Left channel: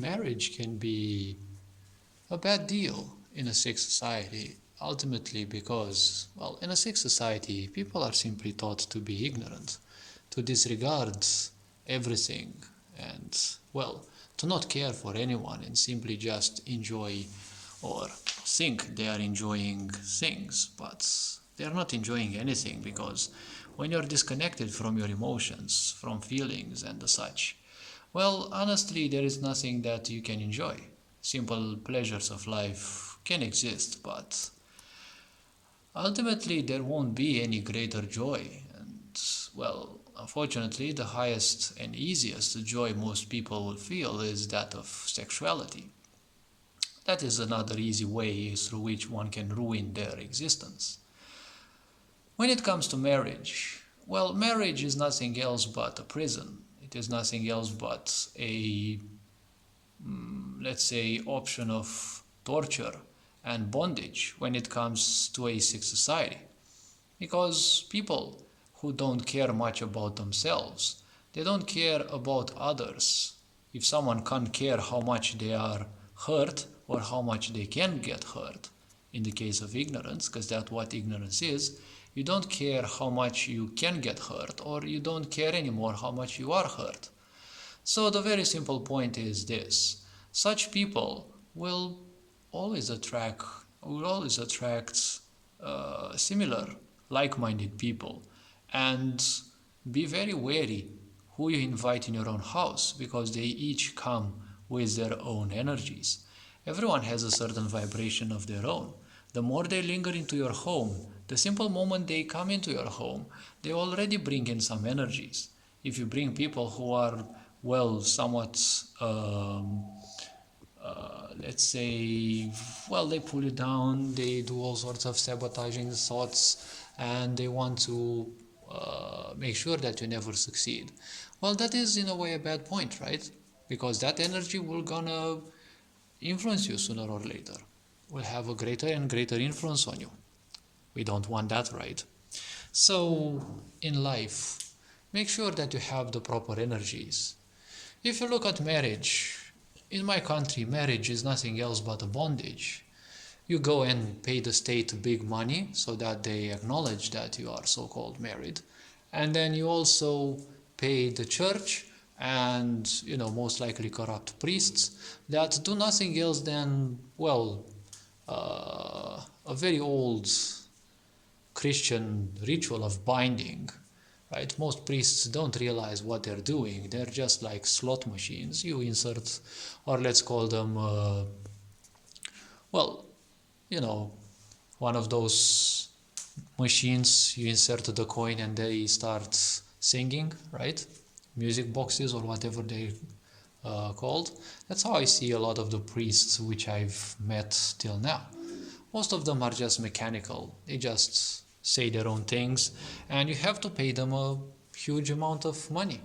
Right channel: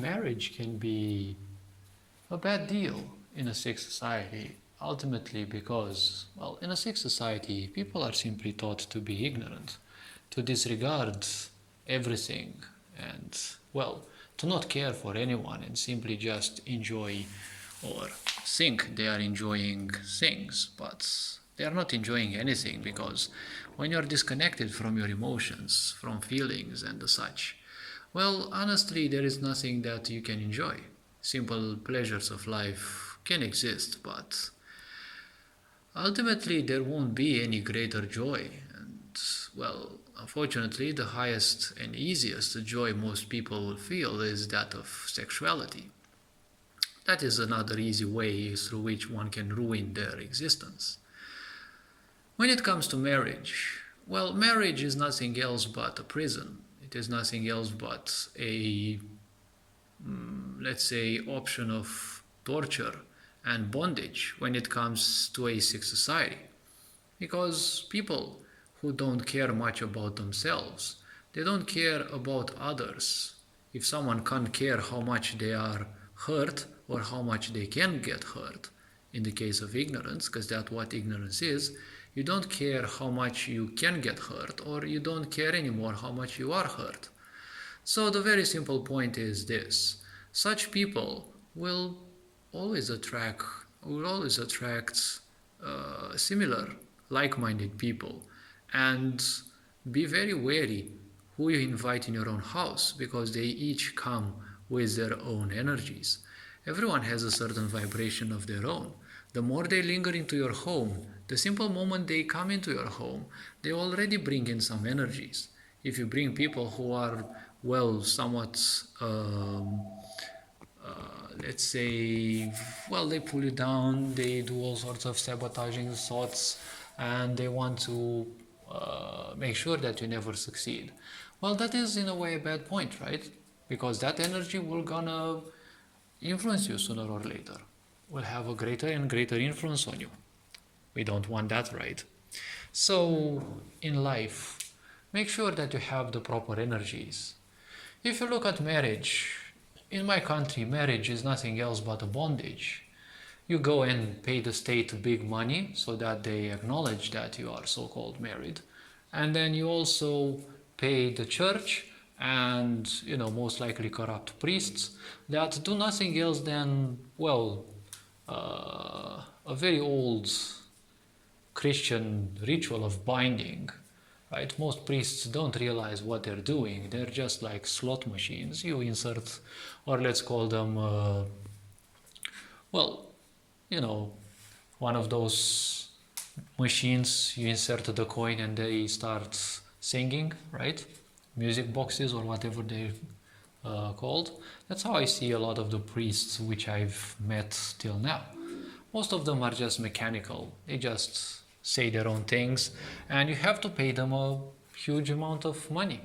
marriage can be a bad deal in a sick society, ultimately because, well, in a sick society, people are simply taught to be ignorant, to disregard everything, and, well, to not care for anyone and simply just enjoy or think they are enjoying things, but they are not enjoying anything because when you're disconnected from your emotions, from feelings and the such, well, honestly, there is nothing that you can enjoy. Simple pleasures of life can exist, but ultimately there won't be any greater joy. And, well, unfortunately, the highest and easiest joy most people will feel is that of sexuality. That is another easy way through which one can ruin their existence. When it comes to marriage, well, marriage is nothing else but a prison. It is nothing else but a, let's say, option of torture and bondage when it comes to a sick society. Because people who don't care much about themselves, they don't care about others. If someone can't care how much they are hurt or how much they can get hurt, in the case of ignorance, because that's what ignorance is, you don't care how much you can get hurt, or you don't care anymore how much you are hurt. So the very simple point is this: such people will always attract similar, like-minded people, and be very wary who you invite in your own house, because they each come with their own energies. Everyone has a certain vibration of their own. The more they linger into your home, the simple moment they come into your home, they already bring in some energies. If you bring people who are, well, somewhat, let's say, well, they pull you down, they do all sorts of sabotaging thoughts, and they want to make sure that you never succeed. Well, that is in a way a bad point, right? Because that energy will gonna influence you sooner or later, will have a greater and greater influence on you. We don't want that, right? So, in life, make sure that you have the proper energies. If you look at marriage, in my country, marriage is nothing else but a bondage. You go and pay the state big money so that they acknowledge that you are so-called married. And then you also pay the church and, most likely corrupt priests that do nothing else than, well, a very old Christian ritual of binding, right? Most priests don't realize what they're doing. They're just like slot machines. You insert, or let's call them, well, one of those machines, you insert the coin and they start singing, right? Music boxes or whatever they're called. That's how I see a lot of the priests which I've met till now. Most of them are just mechanical. They just say their own things, and you have to pay them a huge amount of money.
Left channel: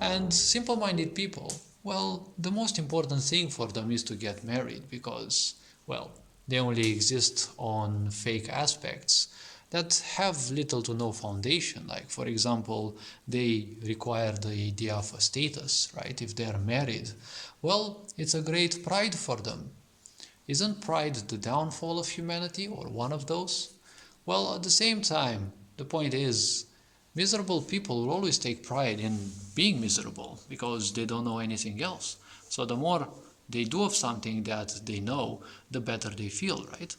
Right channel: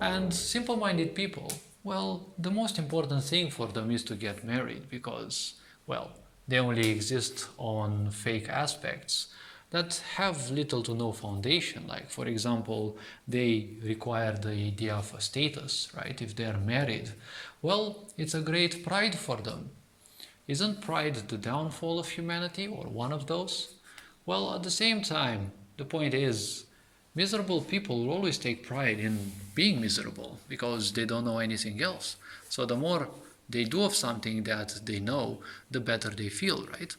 And simple-minded people, well, the most important thing for them is to get married because, well, they only exist on fake aspects that have little to no foundation. Like, for example, they require the idea of a status, right? If they're married, well, it's a great pride for them. Isn't pride the downfall of humanity, or one of those? Well, at the same time, the point is, miserable people will always take pride in being miserable because they don't know anything else. So the more they do of something that they know, the better they feel, right?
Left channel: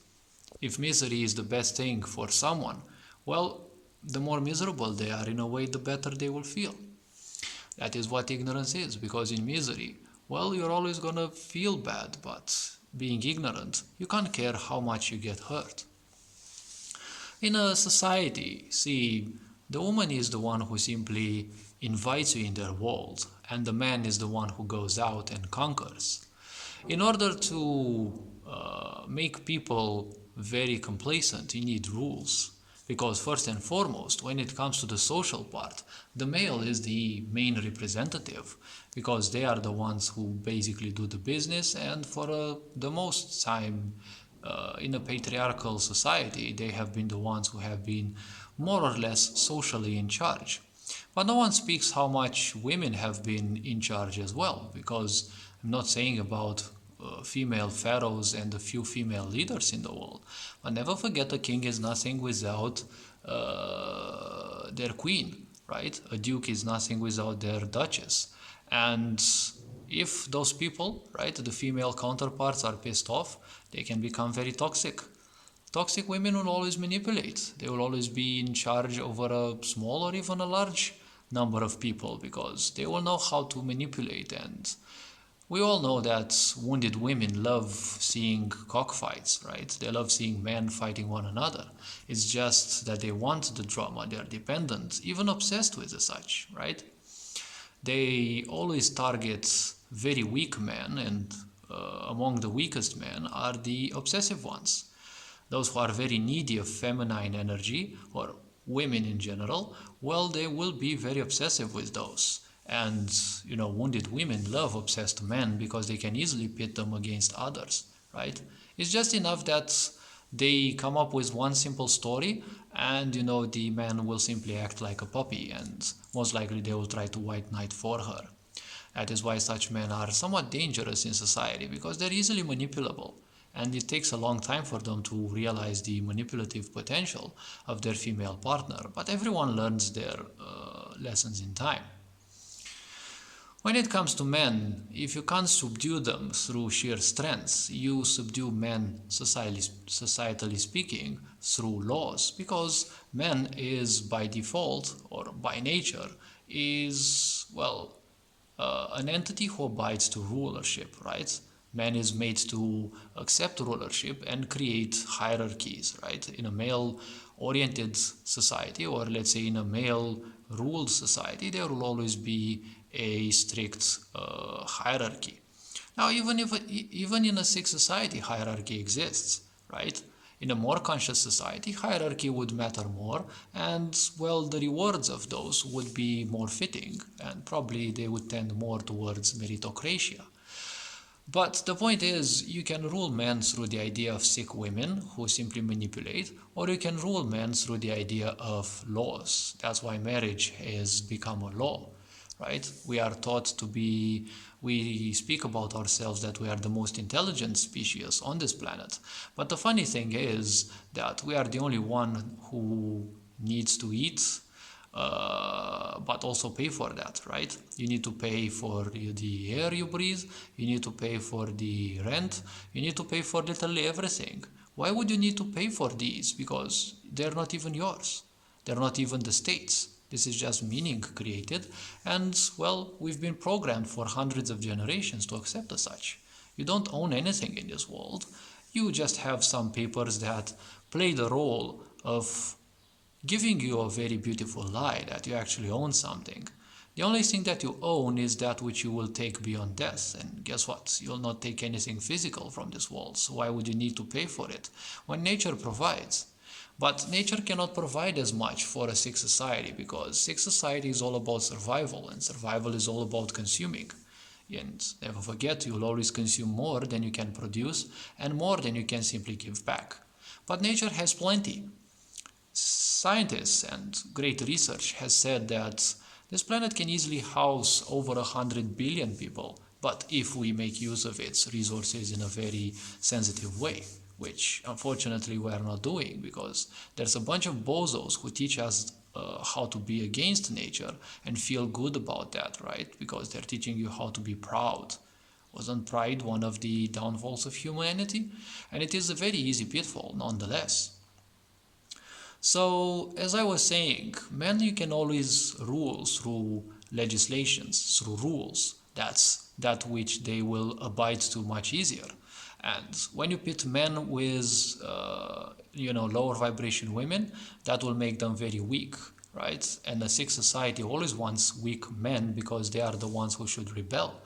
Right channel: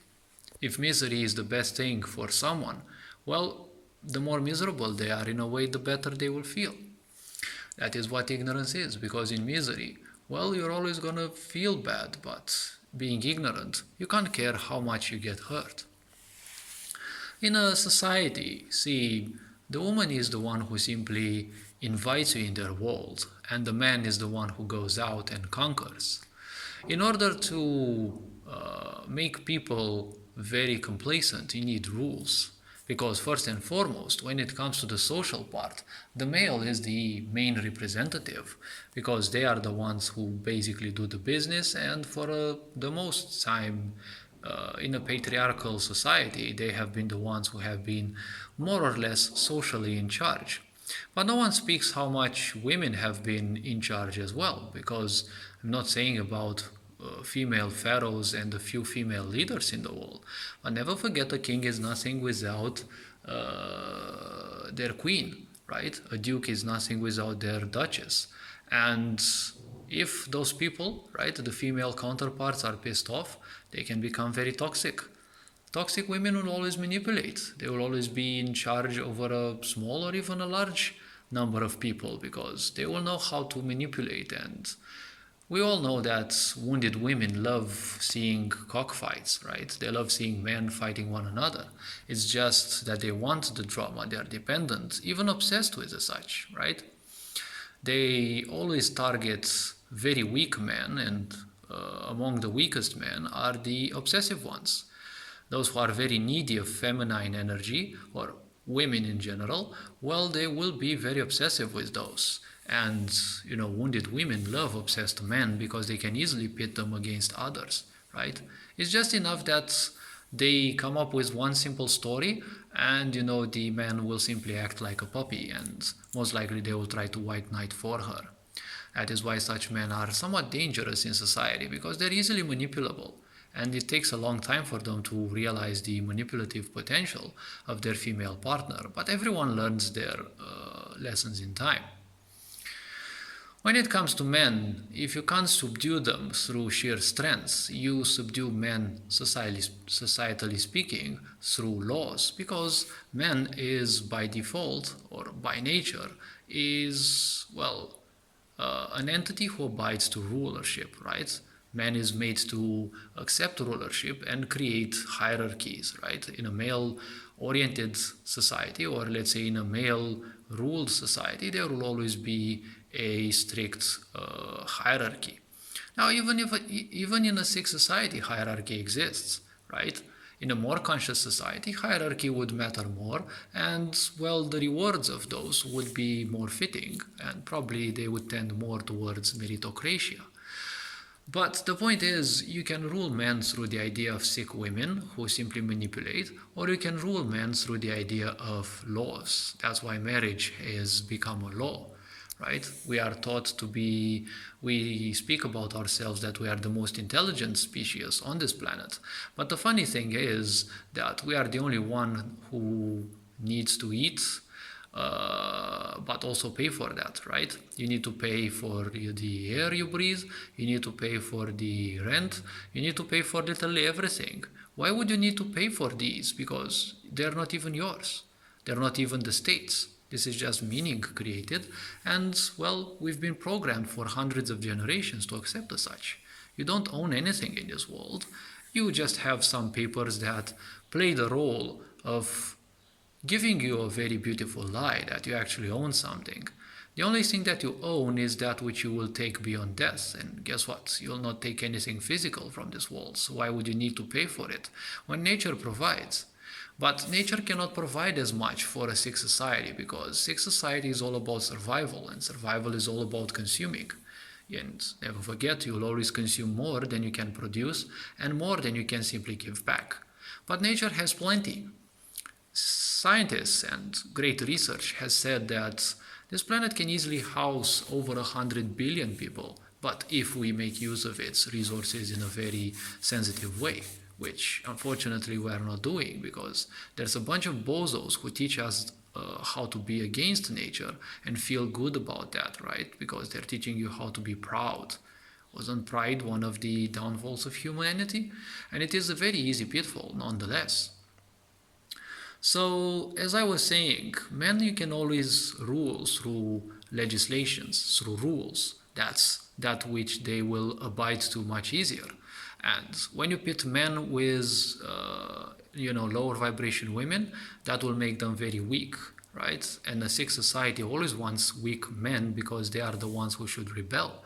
If misery is the best thing for someone, well, the more miserable they are in a way, the better they will feel. That is what ignorance is, because in misery, well, you're always gonna feel bad, but being ignorant, you can't care how much you get hurt. In a society, see, the woman is the one who simply invites you in their world, and the man is the one who goes out and conquers. In order to make people very complacent, you need rules. Because first and foremost, when it comes to the social part, the male is the main representative, because they are the ones who basically do the business, and for the most time in a patriarchal society, they have been the ones who have been more or less socially in charge. But no one speaks how much women have been in charge as well, because I'm not saying about female pharaohs and a few female leaders in the world. But never forget a king is nothing without their queen, right? A duke is nothing without their duchess. And if those people, right, the female counterparts are pissed off, they can become very toxic. Toxic women will always manipulate. They will always be in charge over a small or even a large number of people because they will know how to manipulate. And we all know that wounded women love seeing cockfights, right? They love seeing men fighting one another. It's just that they want the drama. They are dependent, even obsessed with the such, right? They always target very weak men, and among the weakest men are the obsessive ones. Those who are very needy of feminine energy, or women in general, well, they will be very obsessive with those. And, wounded women love obsessed men because they can easily pit them against others, right? It's just enough that they come up with one simple story and, the man will simply act like a puppy and most likely they will try to white knight for her. That is why such men are somewhat dangerous in society because they're easily manipulable. And it takes a long time for them to realize the manipulative potential of their female partner. But everyone learns their lessons in time. When it comes to men, if you can't subdue them through sheer strength, you subdue men, societally speaking, through laws. Because man is by default, or by nature, is, an entity who abides to rulership, right? Man is made to accept rulership and create hierarchies, right? In a male-oriented society, or let's say in a male-ruled society, there will always be a strict hierarchy. Now, even in a sick society, hierarchy exists, right? In a more conscious society, hierarchy would matter more, and the rewards of those would be more fitting, and probably they would tend more towards meritocracy. But the point is, you can rule men through the idea of sick women who simply manipulate, or you can rule men through the idea of laws. That's why marriage has become a law, right? We are taught we speak about ourselves that we are the most intelligent species on this planet. But the funny thing is that we are the only one who needs to eat, but also pay for that, right? You need to pay for the air you breathe, you need to pay for the rent, you need to pay for literally everything. Why would you need to pay for these? Because they're not even yours. They're not even the state's. This is just meaning created, and we've been programmed for hundreds of generations to accept as such. You don't own anything in this world. You just have some papers that play the role of giving you a very beautiful lie that you actually own something. The only thing that you own is that which you will take beyond death, and guess what? You'll not take anything physical from this world, so why would you need to pay for it when nature provides? But nature cannot provide as much for a sick society because sick society is all about survival, and survival is all about consuming. And never forget, you will always consume more than you can produce and more than you can simply give back. But nature has plenty. Scientists and great research has said that this planet can easily house over 100 billion people, but if we make use of its resources in a very sensitive way, which unfortunately we are not doing because there's a bunch of bozos who teach us how to be against nature and feel good about that, right? Because they're teaching you how to be proud. Wasn't pride one of the downfalls of humanity? And it is a very easy pitfall nonetheless. So, as I was saying, men you can always rule through legislations, through rules. That's that which they will abide to much easier. And when you pit men with, lower vibration women, that will make them very weak, right? And a sick society always wants weak men because they are the ones who should rebel.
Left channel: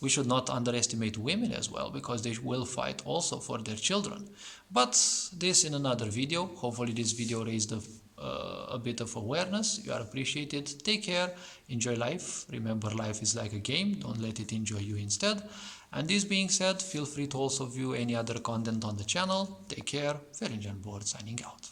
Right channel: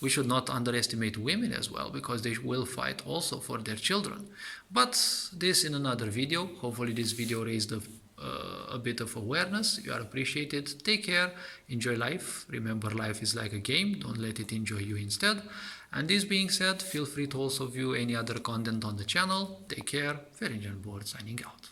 We should not underestimate women as well because they will fight also for their children. But this in another video. Hopefully this video raised a bit of awareness. You are appreciated. Take care. Enjoy life. Remember, life is like a game. Don't let it enjoy you instead. And this being said, feel free to also view any other content on the channel. Take care. Ferinjan Board signing out.